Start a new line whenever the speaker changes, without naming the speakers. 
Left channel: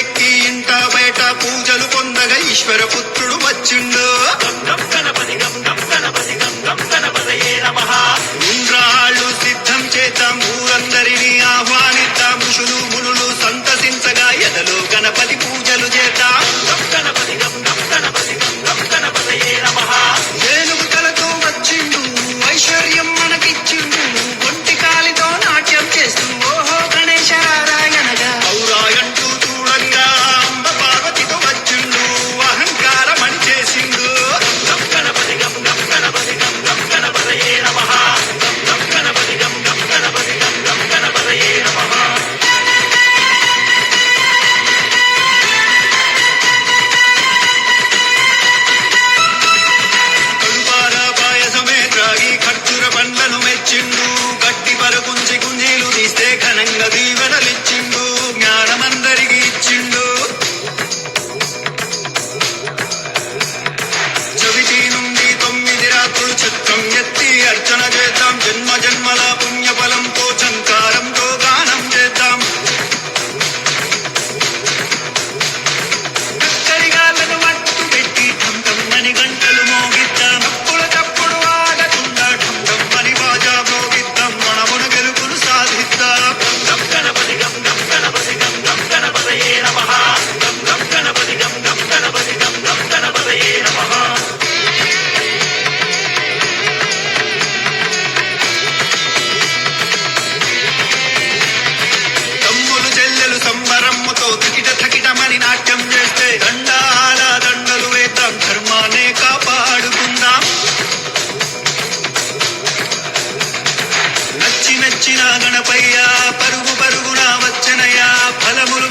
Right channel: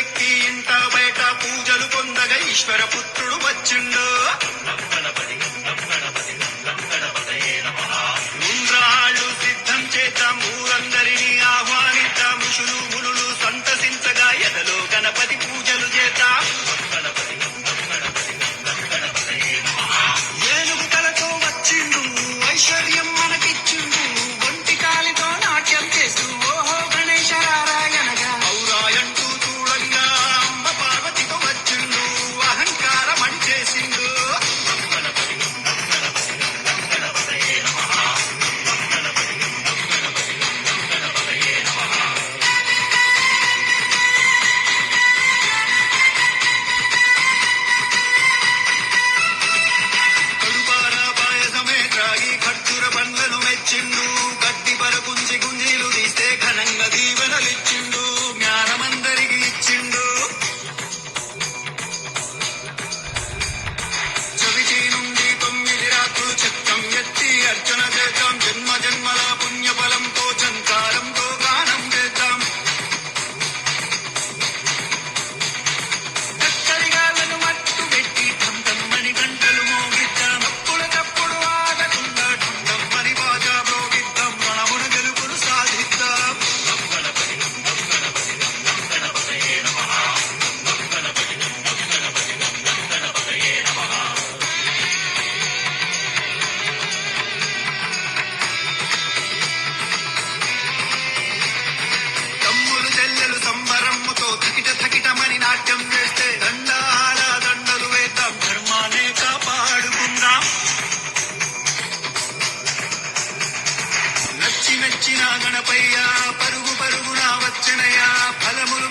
ఎక్కి ఇంట బయట పూజలు పొందగా ఈశ్వర పుత్రుడు వచ్చిండు. Sumió el día del. ఇచ్చిన గణపయ్యా పరుగు పరుగున వచ్చనయ్యా ఫలములు